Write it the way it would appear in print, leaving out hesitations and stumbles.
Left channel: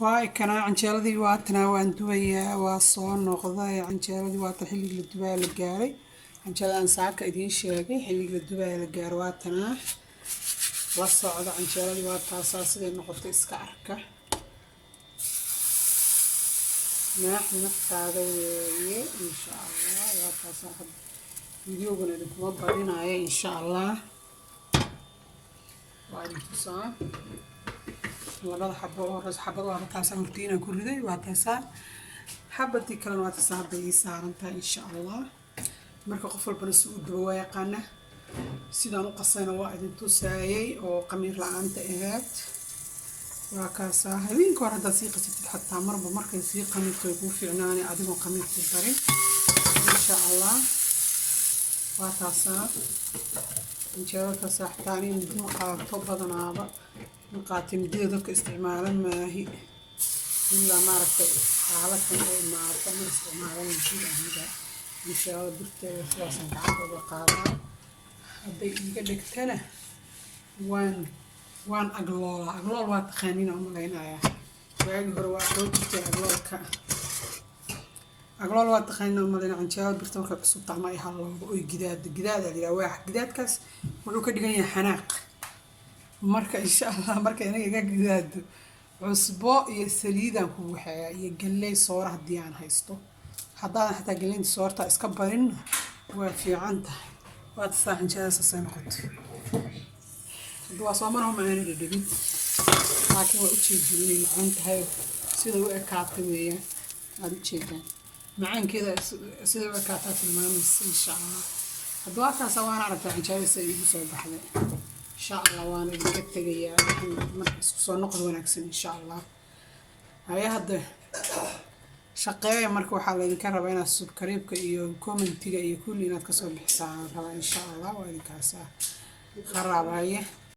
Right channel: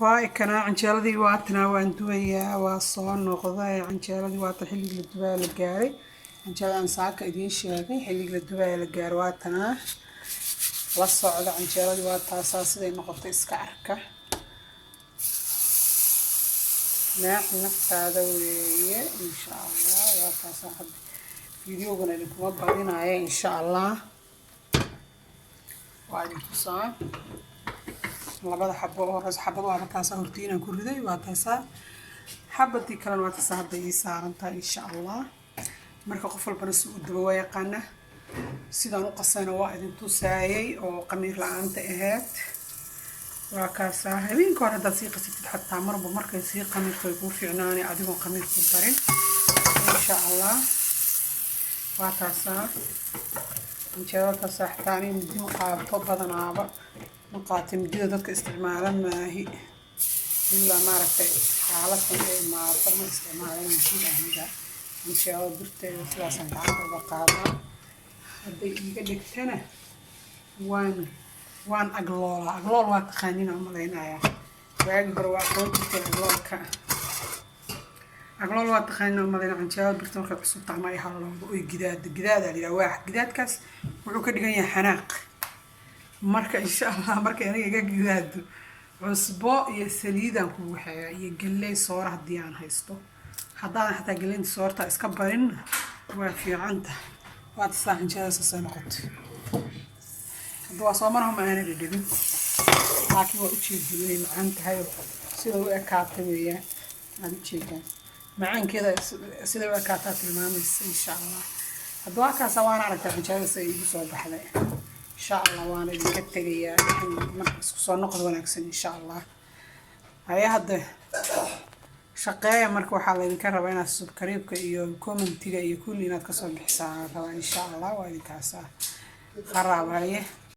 واي كان عنجيلدي واتنا وان دويا وصون نقضي عنجيلدي وات حلق للدباء للجاري عنجيلدي أن ساك إدين شيء حلق للدباء للجار واتنا والصعد عنجيلدي وات أساس ذي نقطة إسكاركة نحن نفتح ذويه إن شاء الله وات أساس فيديو قلنا لكم أبغينا إن شاء الله وعليكم السلام labada xabo oo ras xabado waa taas hortiina ku riday waa taas xabadii kale waa taas hadda ii saarantaa insha Allah marka qof walba si uu daba yaqaana sidaan u qasayna waa idin tusaayay oo qamiir la'aanta ahayd waa kaas habeenka hore hadda si qasitid xataa marba markay si qamiirka ku fiicnaani adigoo qamiir ku darin insha Allah waa taas injeelka saxtaani midi ma qaato badanaaba نقاطي مدينة ذلك استعمالا ما هي إلا ما ركتي حالة ما أعطنا استعمالا مدينة هذا إن شاء الله درت ثلاثة عقب بقاطع هذا يقدك تنا وان أقلال واتخانين عملين آية وأقدر وأقول أقلال واتخانين عملين عن شاء الله درت مركب حسب طعمه يحلو جداد اللي واحد جداد كاس وعكد جاي حناق marka insha Allah marka aniga iga gidaado cusbo iyo saliidan ku waxay iyo galey soor hadii aan haysto hadaan xataa galey soorta iska barin waa fiican tahay waad saaxinjada soo noqotay hadwa soomaraha ma aanay dhibin laakiin waa u jeedinay macaan tahay sida uu ekaatay weeyaan aad u jeedaan macaankeeda sida uu ekaatay tilmaamaysa insha Allah hadwa ka sawaan aragtay xinjada say igu soo baxday إن شاء الله وأنا جبت جيا صار ونكسر إن شاء الله هاي هذا شقية مركو حالة ذكرها بين السكريب كومنت تيجي كل ناس كسر بحساب طبعا إن شاء الله وهذه كاسة خراب هاي